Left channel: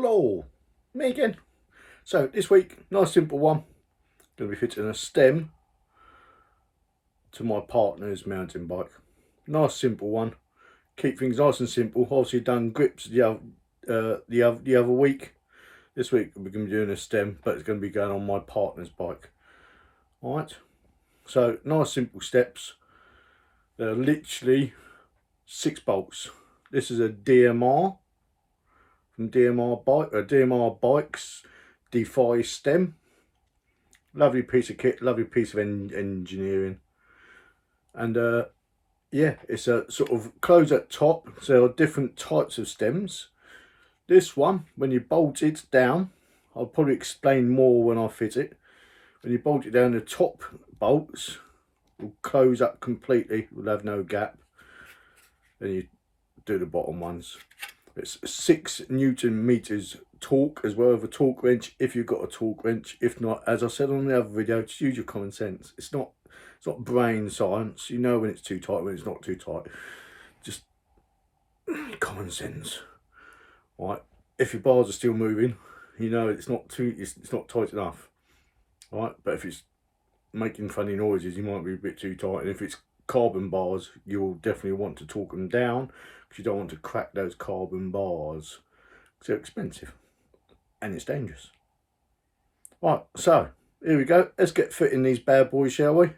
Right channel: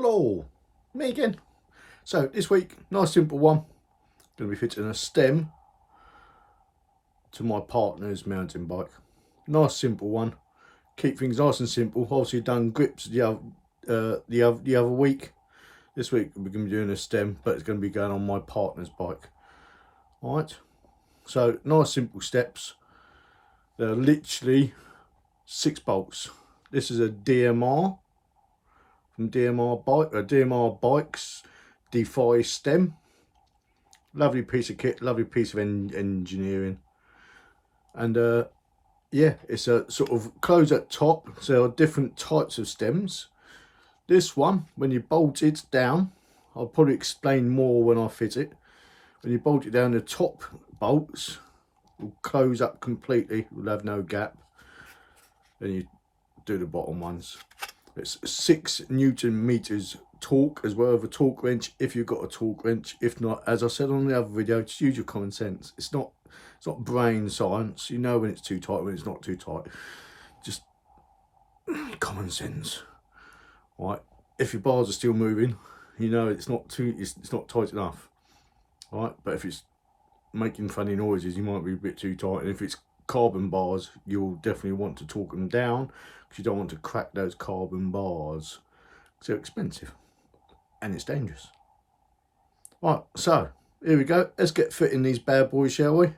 Hello, me again. So this week, nice simple one. Going to be fitting a stem to my partner's mountain bike. Nice simple one. Keep things nice and simple. Obviously done grips the other week. This week we're going to be doing a stem, but it's going to be going on my partner's bike. Alright. So nice simple steps. They're literally 6 bolts. This is a DMR. From DMR Bikes Defy stem. Lovely piece of kit, lovely piece of engineering. And yeah, it's a sort of close at top, so there are different types of stems. This one, when you bolt it down, I'll probably explain more when I fit it. When you bolt it down, the top bolts will close up completely, will have no gap. Then you do the bottom ones. It's 6 Newton meters torque as well, with a torque wrench if you've got a torque wrench. If not, as I said on the other video, just use your common sense. It's not brain science. You know when it's too tight, when it's not too tight. Just common sense. Right. If your bars are still moving, you know it's not tight enough. Right. But if it's making funny noises, you might be a bit too tight. And if it's carbon bars, you'll definitely want to torque them down, because you don't want to crack those carbon bars. They're expensive and it's dangerous. Right, so here we go. Let's get fitting these bad boys, shall we?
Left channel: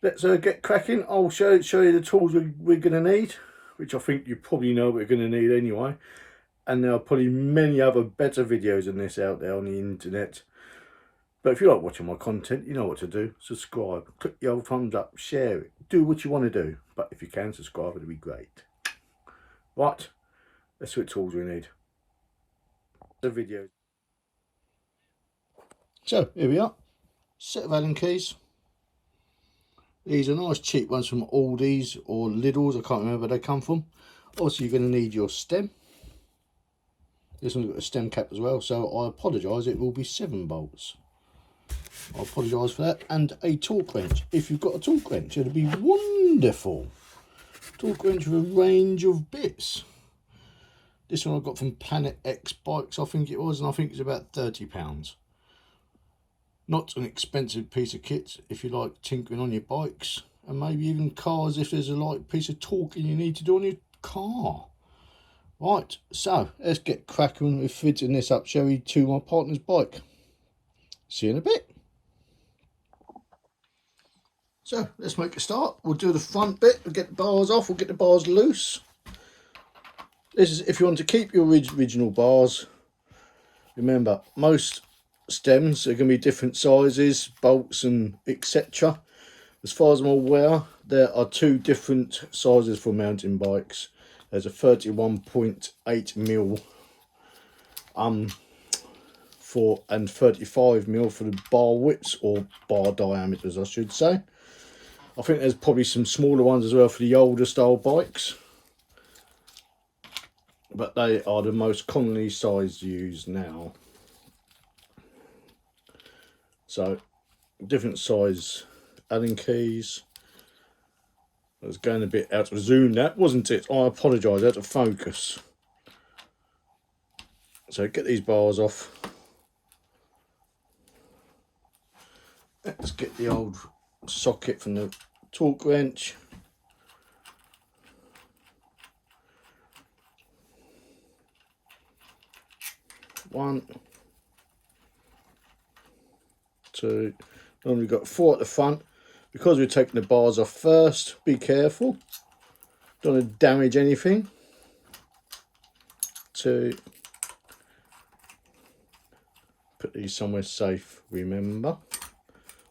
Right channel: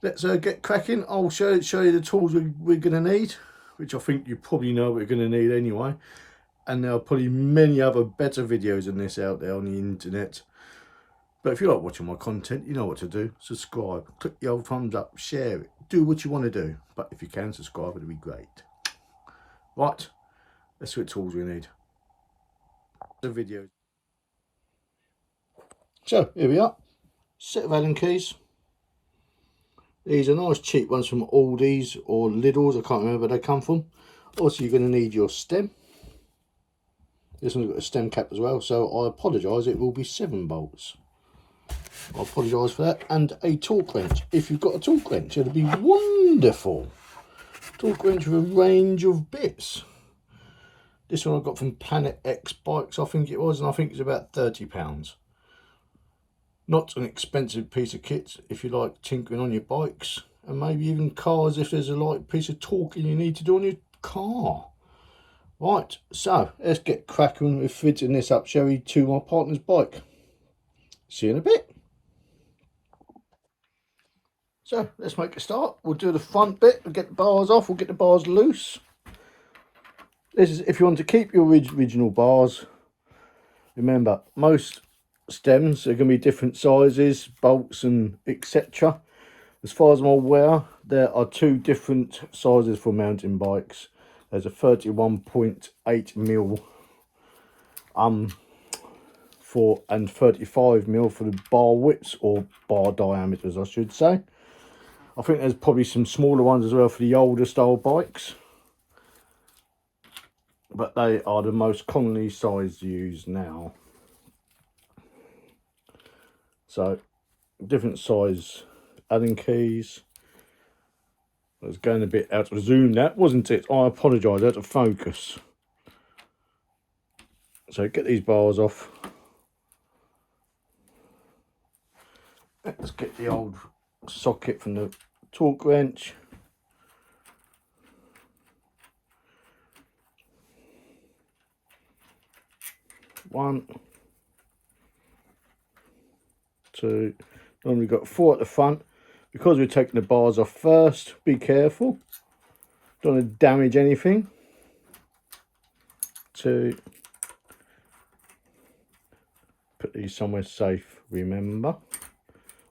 Let's get cracking. I'll show you the tools we're going to need, which I think you probably know we're going to need anyway. And there are probably many other better videos than this out there on the internet. But if you like watching my content, you know what to do. Subscribe, click the old thumbs up, share it, do what you want to do. But if you can subscribe, it'd be great. Right, let's see what tools we need. The video. So here we are. Set of Allen keys. These are nice cheap ones from Aldi's or Lidl's. I can't remember where they come from. Also, you're going to need your stem. This one's got a stem cap as well, so I apologise. It will be 7 bolts. I apologise for that. And a torque wrench. If you've got a torque wrench, it'll be wonderful. Torque wrench with a range of bits. This one I got from Planet X Bikes, I think it was, and I think it's about £30. Not an expensive piece of kit if you like tinkering on your bikes, and maybe even cars if there's a light piece of torquing you need to do on your car. Right, so let's get cracking with fitting this up, shall we, to my partner's bike. See you in a bit. So let's make a start. We'll do the front bit. We'll get the bars off. We'll get the bars loose. This is if you want to keep your original bars. Remember, most stems are going to be different sizes, bolts and etc. As far as I'm aware, there are 2 different sizes for mountain bikes. There's a 31.8mm and 35mm for the bar widths, or bar diameters I should say. I think there's probably some smaller ones as well for the older style bikes, but they are the most commonly sized used now. So different size Allen keys. I was going a bit out of zoom, that wasn't it? I apologise, out of focus. So get these bars off. Let's get the old socket from the torque wrench. One, 2. Then we've got 4 at the front. Because we're taking the bars off first, be careful. Don't want to damage anything. 2. Put these somewhere safe, remember.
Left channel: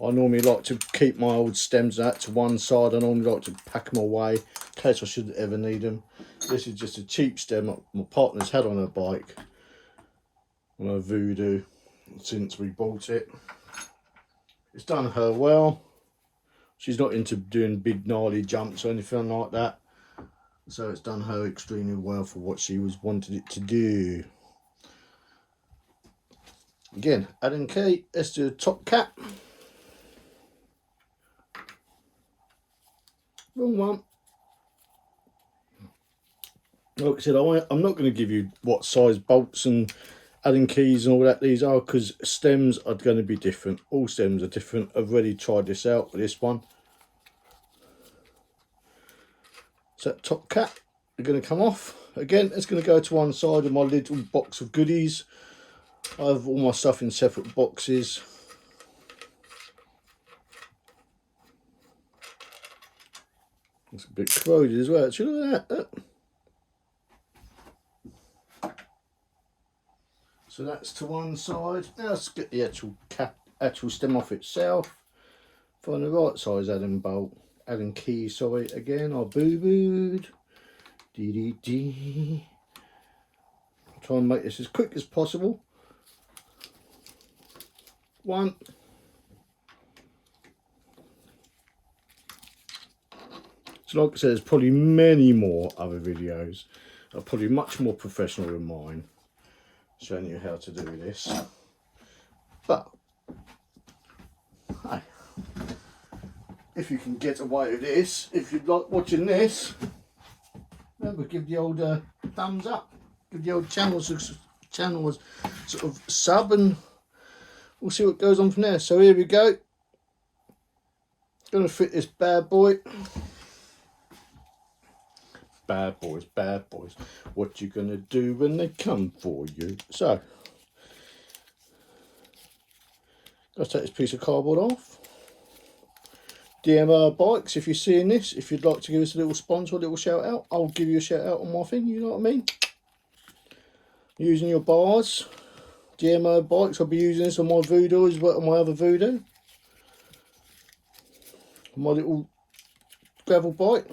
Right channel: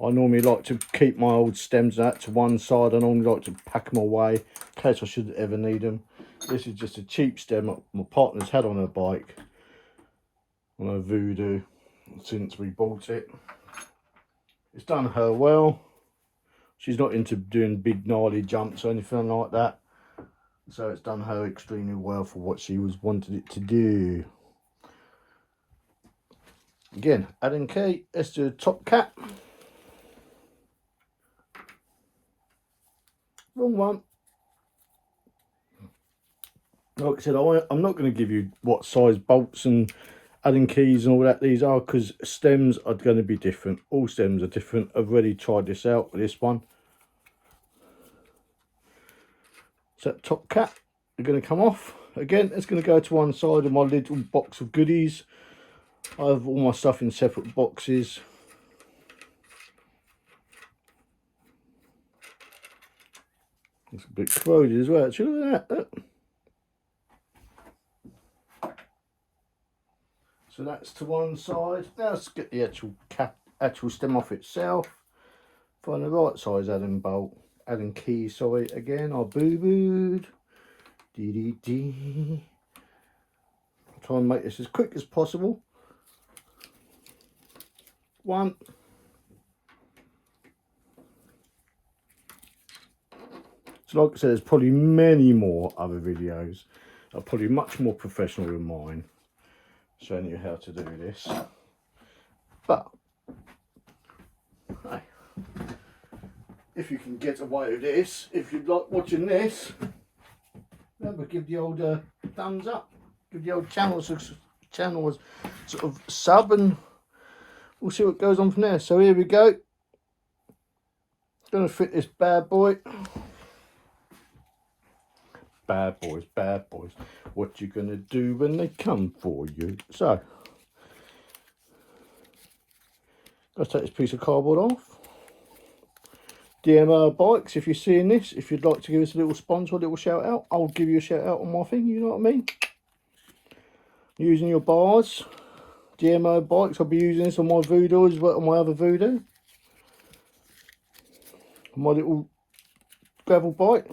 I normally like to keep my old stems out to one side. I normally like to pack them away in case I should ever need them. This is just a cheap stem that my partner's had on her bike, on her Voodoo, since we bought it. It's done her well. She's not into doing big gnarly jumps or anything like that, so it's done her extremely well for what she wanted it to do. Again, Allen key. Let's do the top cap. Wrong one. Like I said, I'm not going to give you what size bolts and Allen keys and all that these are, because stems are going to be different. All stems are different. I've already tried this out with this one. So that top cap are going to come off. Again, it's going to go to one side of my little box of goodies. I have all my stuff in separate boxes. It's a bit corroded as well, actually. Look at that. So that's to one side. Now let's get the actual stem off itself. Find the right size Allen key, sorry, again, I boo-booed. Dee. Try and make this as quick as possible. One. So like I said, there's probably many more other videos that are probably much more professional than mine, showing you how to do this. But hey, if you can get away with this, if you like watching this, remember, give the old thumbs up, give the old channel sort of sub, and we'll see what goes on from there. So here we go. Gonna fit this bad boy. Bad boys, what you gonna do when they come for you? So let's take this piece of cardboard off. DMR Bikes, if you're seeing this, if you'd like to give us a little sponsor, a little shout out, I'll give you a shout out on my thing, you know what I mean? Using your bars, DMR Bikes, I'll be using this on my Voodoo as well, on my other Voodoo. My little gravel bike.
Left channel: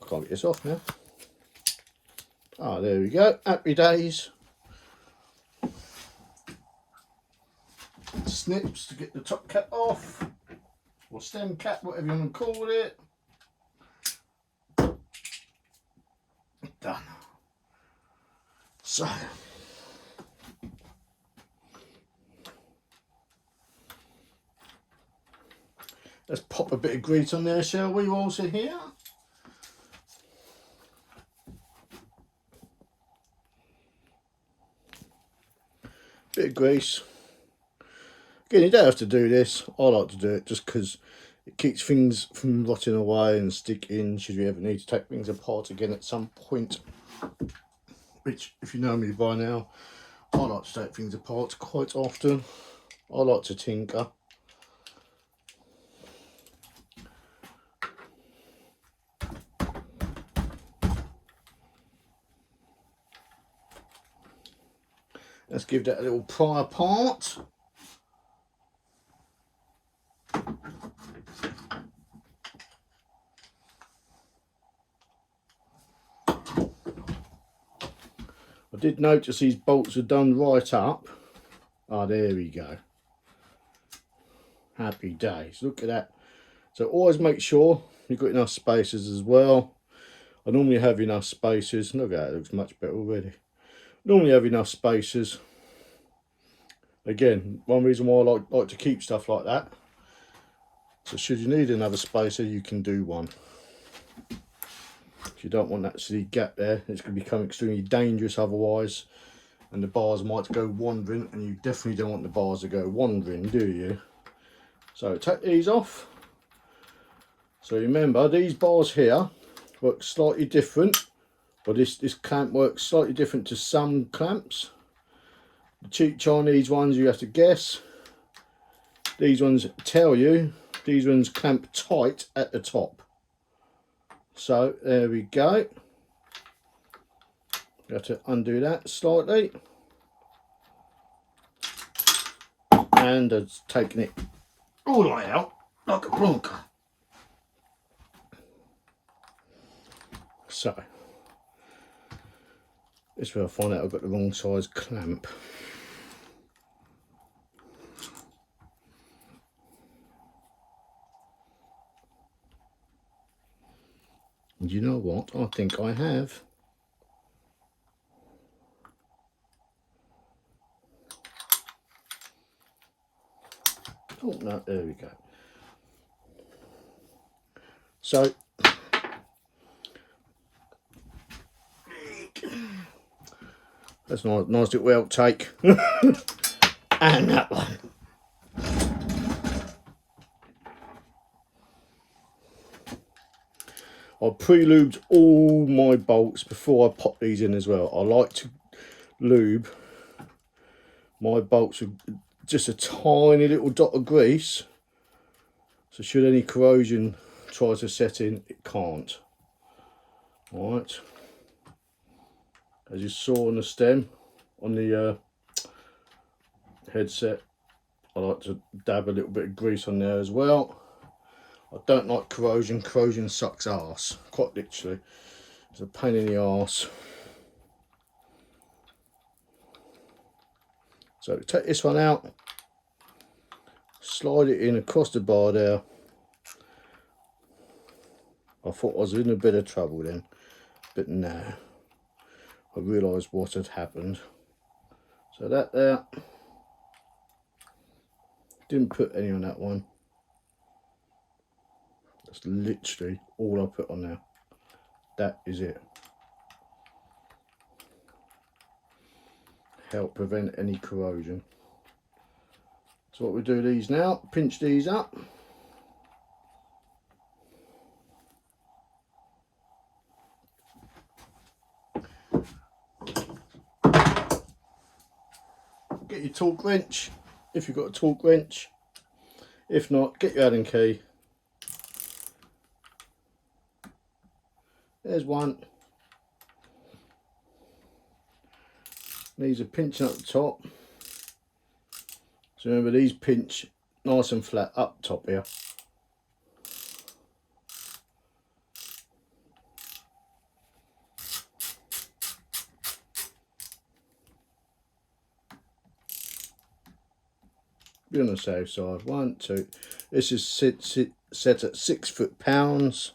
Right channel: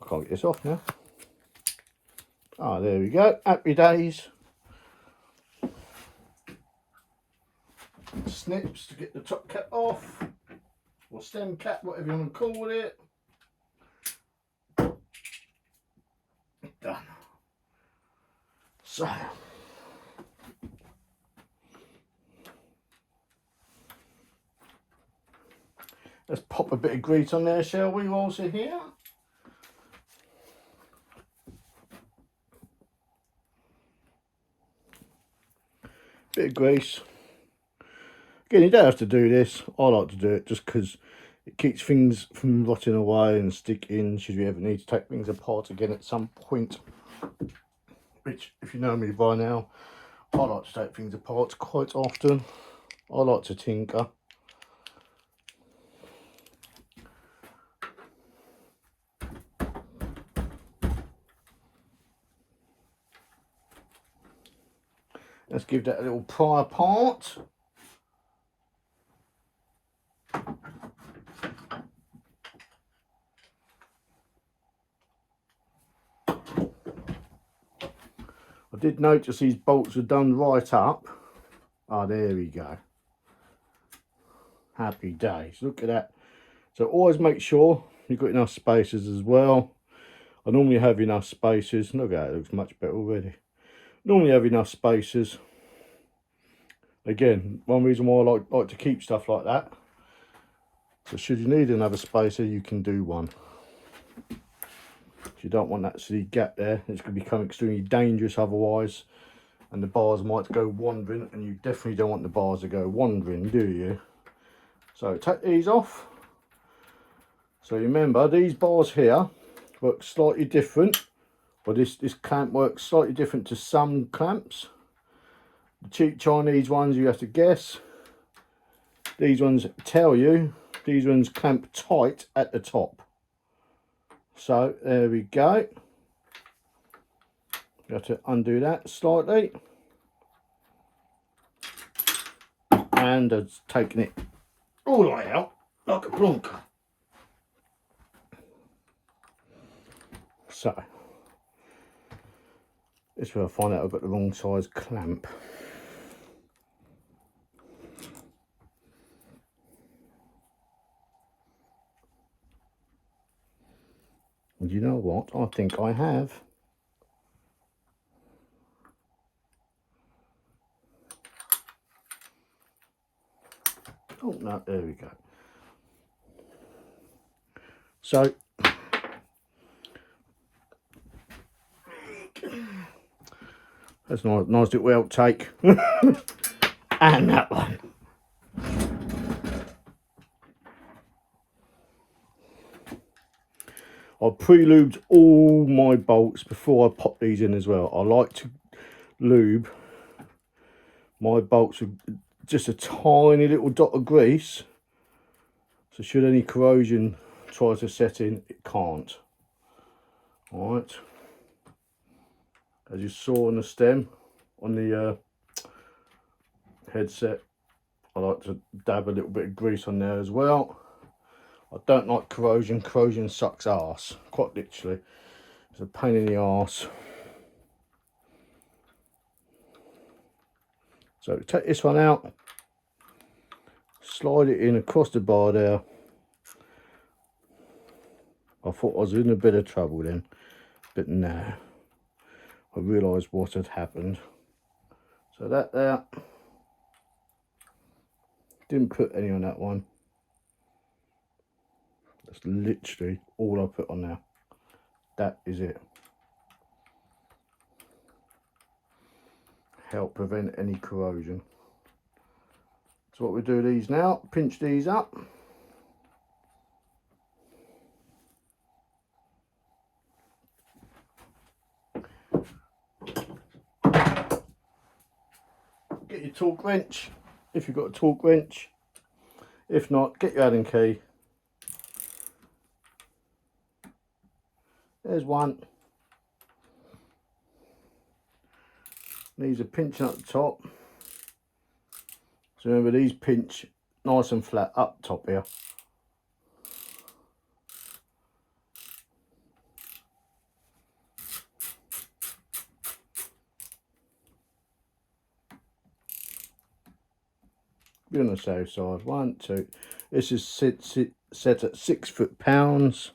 I can't get this off now. Ah, there we go, happy days. Snips to get the top cap off, or stem cap, whatever you want to call it. Done. So let's pop a bit of grease on there, shall we, whilst we're here? Bit of grease. Again, you don't have to do this. I like to do it just because it keeps things from rotting away and sticking should you ever need to take things apart again at some point. Which, if you know me by now, I like to take things apart quite often. I like to tinker. Let's give that a little pry apart. I did notice these bolts are done right up. Ah, there we go. Happy days. Look at that. So always make sure you've got enough spacers as well. I normally have enough spacers. Look at that, it looks much better already. Normally have enough spacers. Again, one reason why I like to keep stuff like that. So should you need another spacer, you can do one. If you don't want that silly gap there, it's going to become extremely dangerous otherwise, and the bars might go wandering, and you definitely don't want the bars to go wandering, do you? So take these off. So remember, these bars here work slightly different, or this clamp works slightly different to some clamps. The cheap Chinese ones you have to guess. These ones tell you. These ones clamp tight at the top. So there we go. You have to undo that slightly. And it's taking it all the way out like a plonker. So this is where I find out I've got the wrong size clamp. And you know what? I think I have. Oh no, there we go. So That's a nice little outtake. And that one. I pre-lubed all my bolts before I pop these in as well. I like to lube my bolts with just a tiny little dot of grease, so should any corrosion try to set in, it can't. Alright, as you saw on the stem, on the headset, I like to dab a little bit of grease on there as well. I don't like corrosion. Corrosion sucks arse, quite literally. It's a pain in the arse. So take this one out, slide it in across the bar there. I thought I was in a bit of trouble then, but no, I realised what had happened. So that there, didn't put any on that one. That's literally all I put on there. That is it. Help prevent any corrosion. So what we do these now, pinch these up. Get your torque wrench, if you've got a torque wrench. If not, get your Allen key. There's one. These are pinching up the top. So remember, these pinch nice and flat up top here. Be on the safe side. 1, 2. This is set at 6 foot-pounds.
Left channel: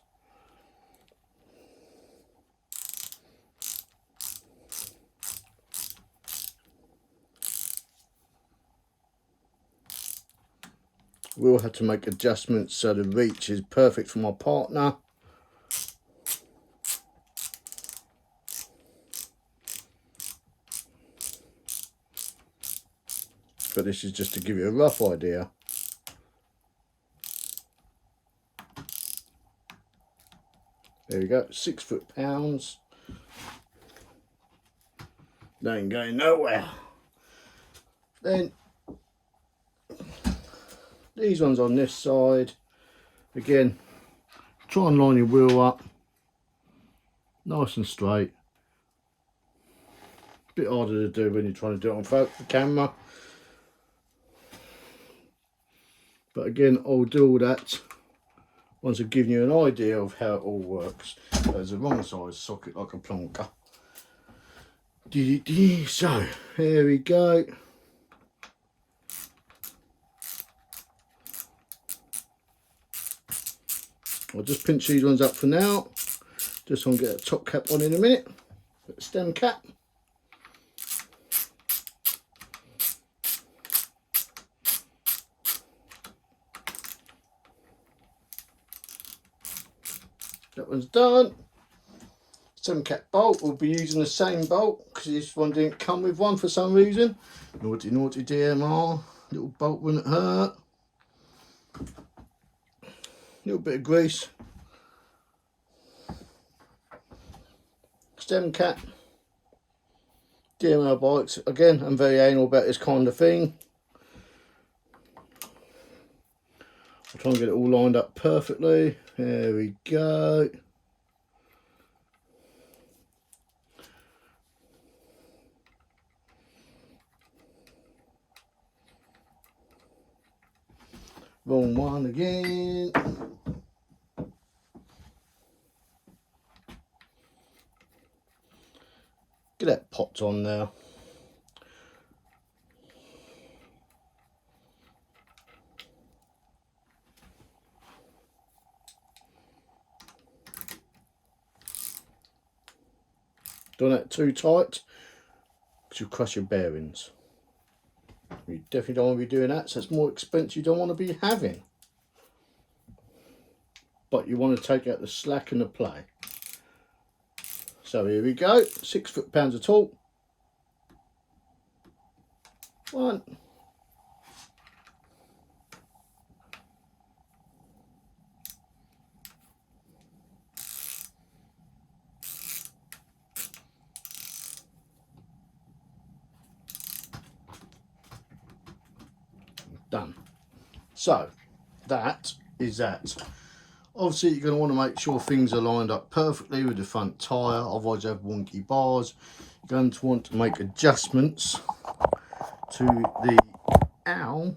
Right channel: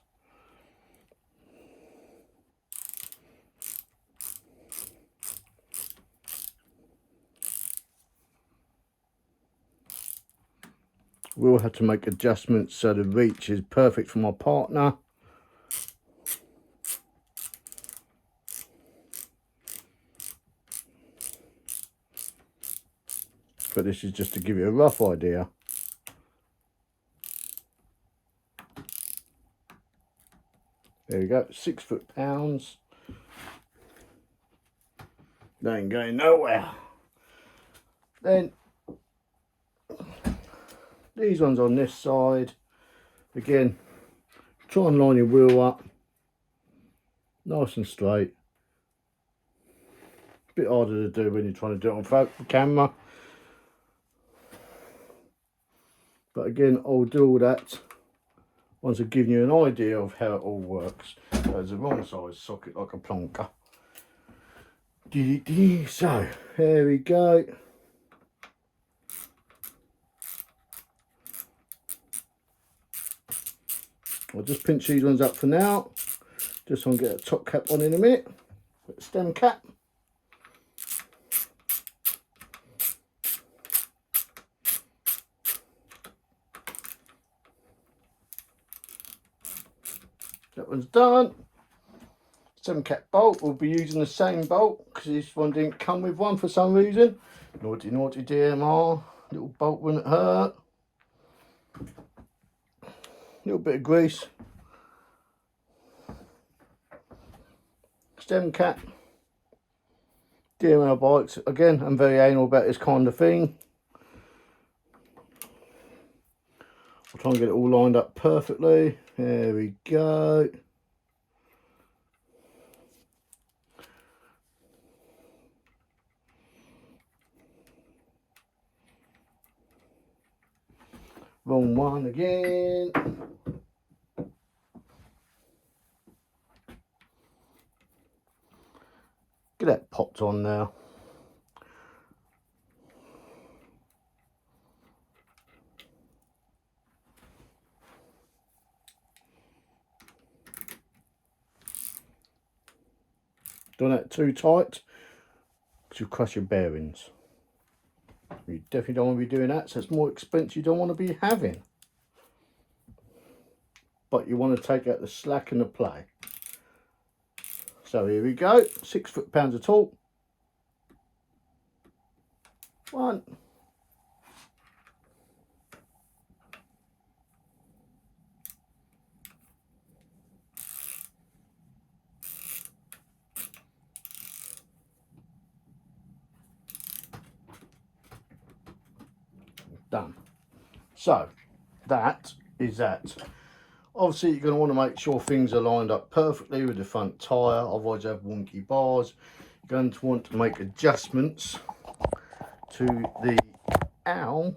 We'll have to make adjustments so the reach is perfect for my partner. But this is just to give you a rough idea. There we go, 6 foot-pounds. They ain't going nowhere. Then these ones on this side. Again, try and line your wheel up nice and straight. A bit harder to do when you're trying to do it on the camera. But again, I'll do all that once I've given you an idea of how it all works. There's a wrong size socket like a plonker. So, there we go. I'll just pinch these ones up for now. Just so I can get a top cap on in a minute. Put the stem cap. That one's done. Stem cap bolt, we'll be using the same bolt because this one didn't come with one for some reason. Naughty, naughty DMR. Little bolt wouldn't hurt. Little bit of grease. Stem cap. DMR bikes. Again, I'm very anal about this kind of thing. I'll try and get it all lined up perfectly. There we go. Wrong one again. Get that popped on now. Don't let it too tight because you'll crush your bearings. You definitely don't want to be doing that, so it's more expense you don't want to be having. But you want to take out the slack and the play. So here we go, 6 foot-pounds of torque. One. Done. So that is that. Obviously you're going to want to make sure things are lined up perfectly with the front tyre, otherwise you have wonky bars. You're going to want to make adjustments to the owl.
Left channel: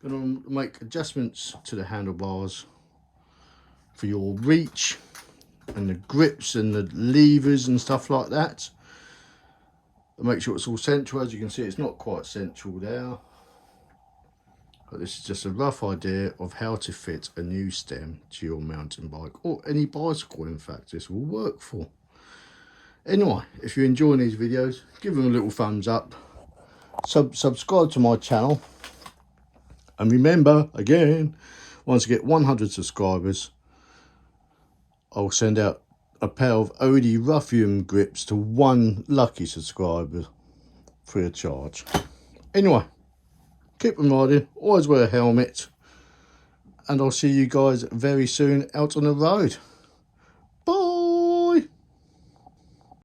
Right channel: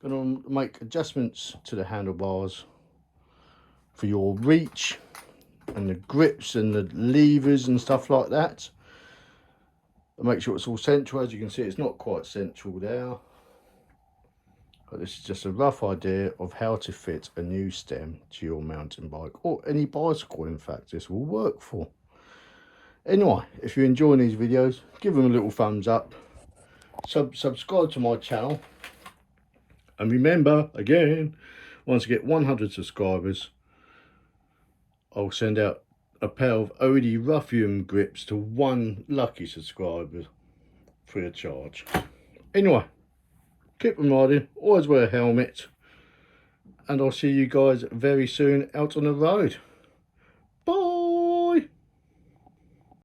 Going to make adjustments to the handlebars for your reach and the grips and the levers and stuff like that. And make sure it's all central. As you can see, it's not quite central there. But this is just a rough idea of how to fit a new stem to your mountain bike, or any bicycle in fact this will work for. Anyway, if you're enjoying these videos, give them a little thumbs up, subscribe to my channel, and remember, again, once I get 100 subscribers, I'll send out a pair of OD Ruffian grips to one lucky subscriber free of charge. Anyway, keep them riding, always wear a helmet, and I'll see you guys very soon out on the road.